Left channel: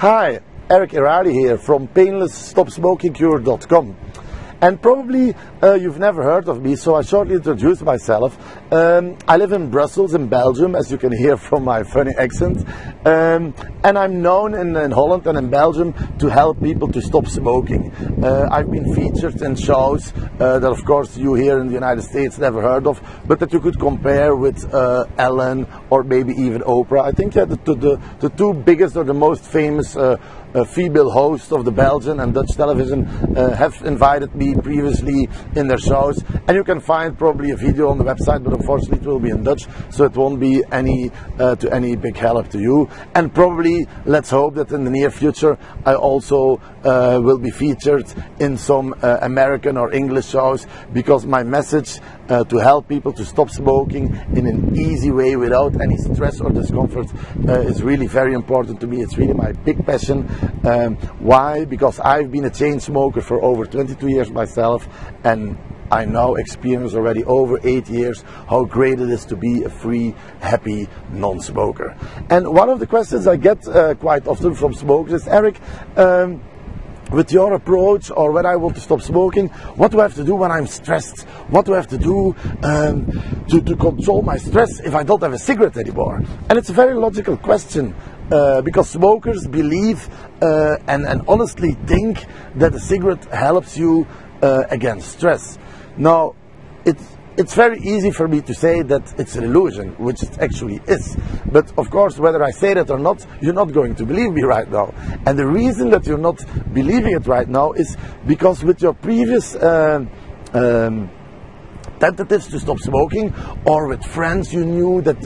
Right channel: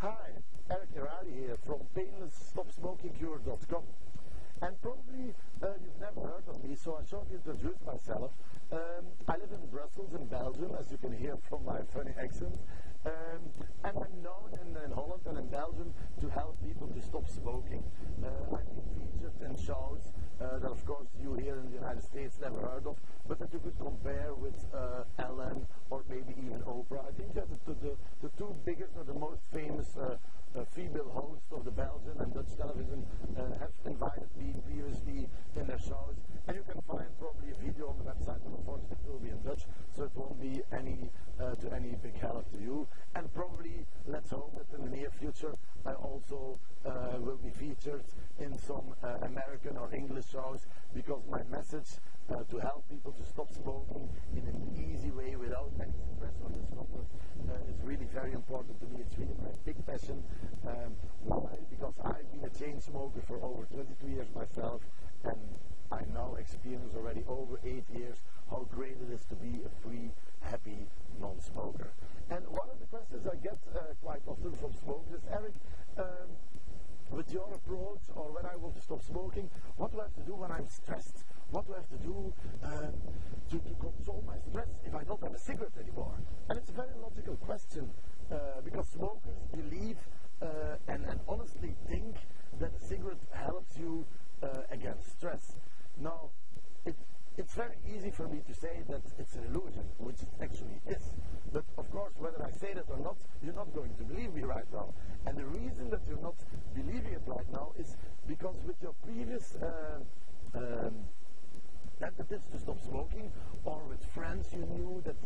Hi, Eric Erali here from painlessstopsmokingcure.com. And probably you've never heard of me, so I shortly introduce myself. I live in Brussels, in Belgium, as you can hear from my funny accent. And I'm known in Holland and in Belgium to help people to stop smoking. I've been featured in shows that of course you here in the United States never heard of, but that you could compare with Ellen or maybe even Oprah. I think the two biggest or the most famous female hosts of the Belgian and Dutch television have invited me previously in their shows, and you can find probably a video on the website, but unfortunately it will be in Dutch, so it won't be any big help to you. And probably, let's hope that in the near future I also will be featured in some American or English shows, because my message to help people to stop smoking in an easy way without any stress or discomfort is really very important to me. It's really my big passion. Why? Because I've been a chain smoker for over 22 years myself, and I now experience already over 8 years how great it is to be a free, happy non-smoker. And one of the questions I get quite often from smokers is, Eric, with your approach, or when I want to stop smoking, what do I have to do when I'm stressed? What do I have to do to control my stress if I don't have a cigarette anymore? And it's a very logical question, because smokers believe and honestly think that a cigarette helps you against stress. Now, it's very easy for me to say that it's an illusion, which it actually is. But of course, whether I say that or not, you're not going to believe me right now. And the reason that you're not believing it right now is because with your previous tentatives to stop smoking, or with friends you knew that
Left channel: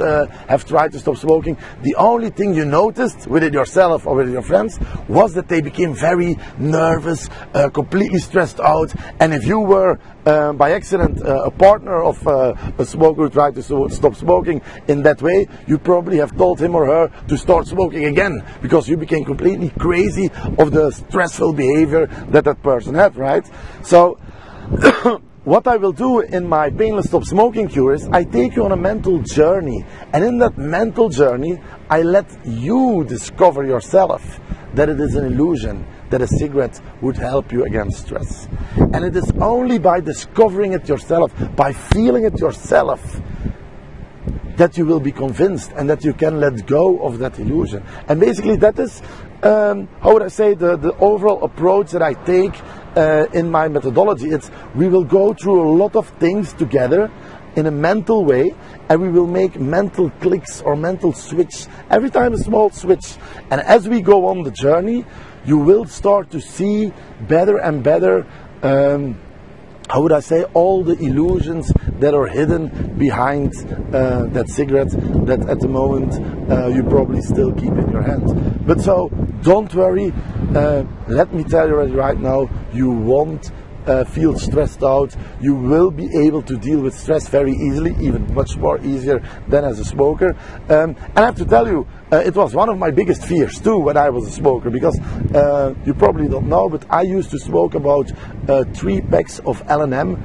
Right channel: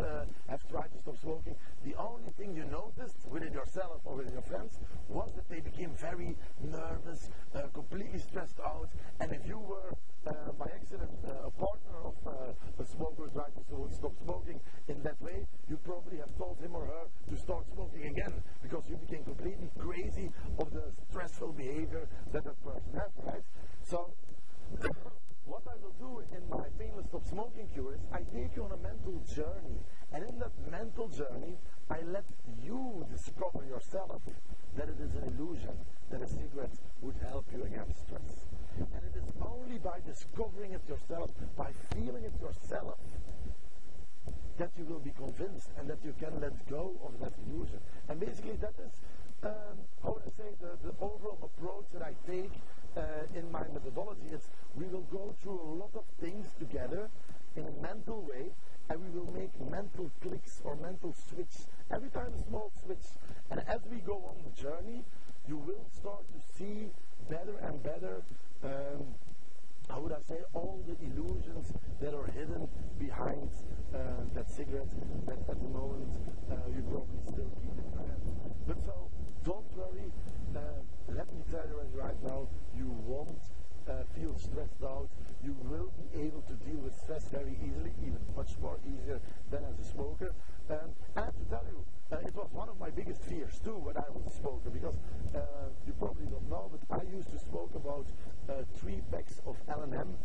have tried to stop smoking, the only thing you noticed within yourself or with your friends was that they became very nervous, completely stressed out. And if you were by accident a partner of a smoker who tried to stop smoking in that way, you probably have told him or her to start smoking again, because you became completely crazy of the stressful behavior that that person had, right? So what I will do in my Painless Stop Smoking Cure is I take you on a mental journey, and in that mental journey I let you discover yourself that it is an illusion that a cigarette would help you against stress. And it is only by discovering it yourself, by feeling it yourself, that you will be convinced and that you can let go of that illusion. And basically that is, how would I say, the overall approach that I take in my methodology. It's, we will go through a lot of things together in a mental way, and we will make mental clicks or mental switch, every time a small switch. And as we go on the journey, you will start to see better and better, how would I say, all the illusions that are hidden behind that cigarette that at the moment you probably still keep in your hand. But so, don't worry, let me tell you already right now, you won't feel stressed out. You will be able to deal with stress very easily, even much more easier than as a smoker. And I have to tell you, it was one of my biggest fears too when I was a smoker, because you probably don't know, but I used to smoke about 3 packs of L&M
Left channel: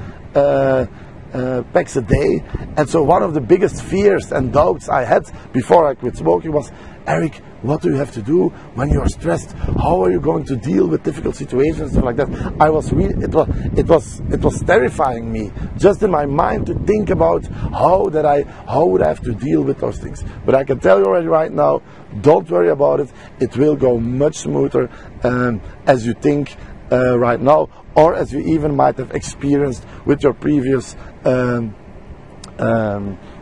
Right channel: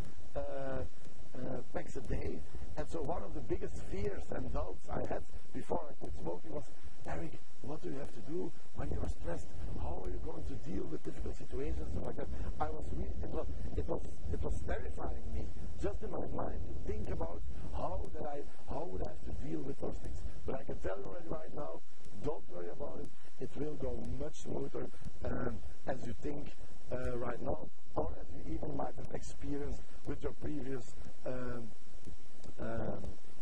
packs a day. And so one of the biggest fears and doubts I had before I quit smoking was, Eric, what do you have to do when you're stressed? How are you going to deal with difficult situations and stuff like that? I was really, it was terrifying me just in my mind to think about how would I have to deal with those things. But I can tell you already right now, don't worry about it. It will go much smoother as you think right now, or as you even might have experienced with your previous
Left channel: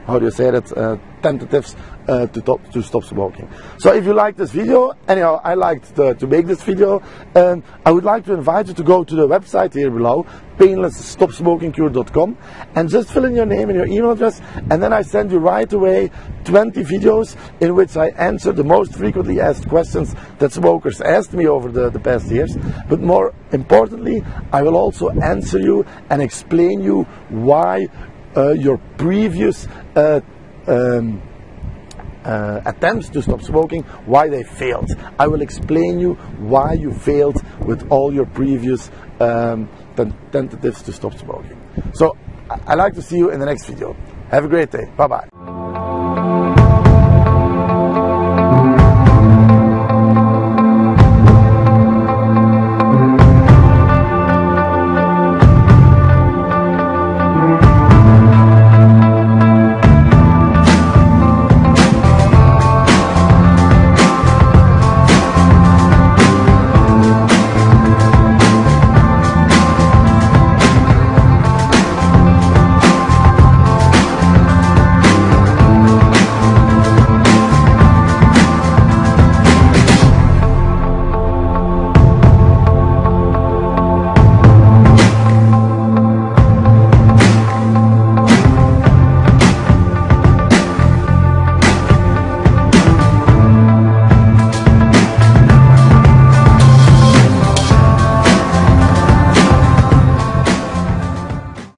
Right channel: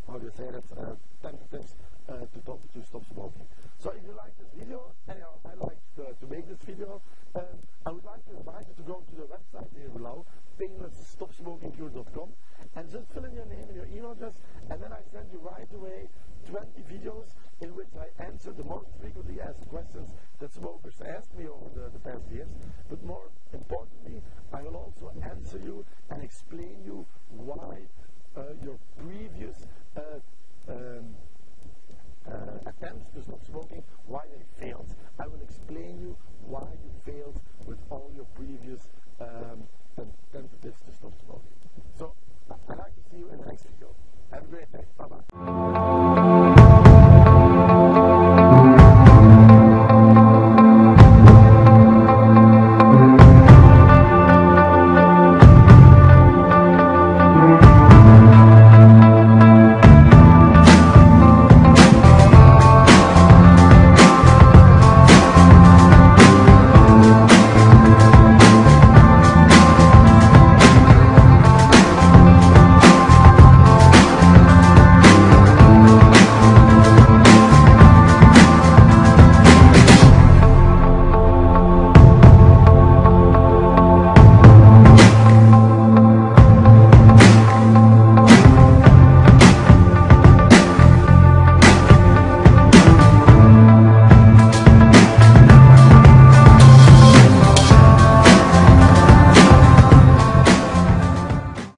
how do you say that, tentatives to stop smoking. So if you like this video, anyhow, I liked to make this video, I would like to invite you to go to the website here below, painlessstopsmokingcure.com, and just fill in your name and your email address, and then I send you right away 20 videos in which I answer the most frequently asked questions that smokers asked me over the past years. But more importantly, I will also answer you and explain you why your previous attempts to stop smoking, why they failed. I will explain you why you failed with all your previous tentatives to stop smoking. So I'd like to see you in the next video. Have a great day. Bye bye.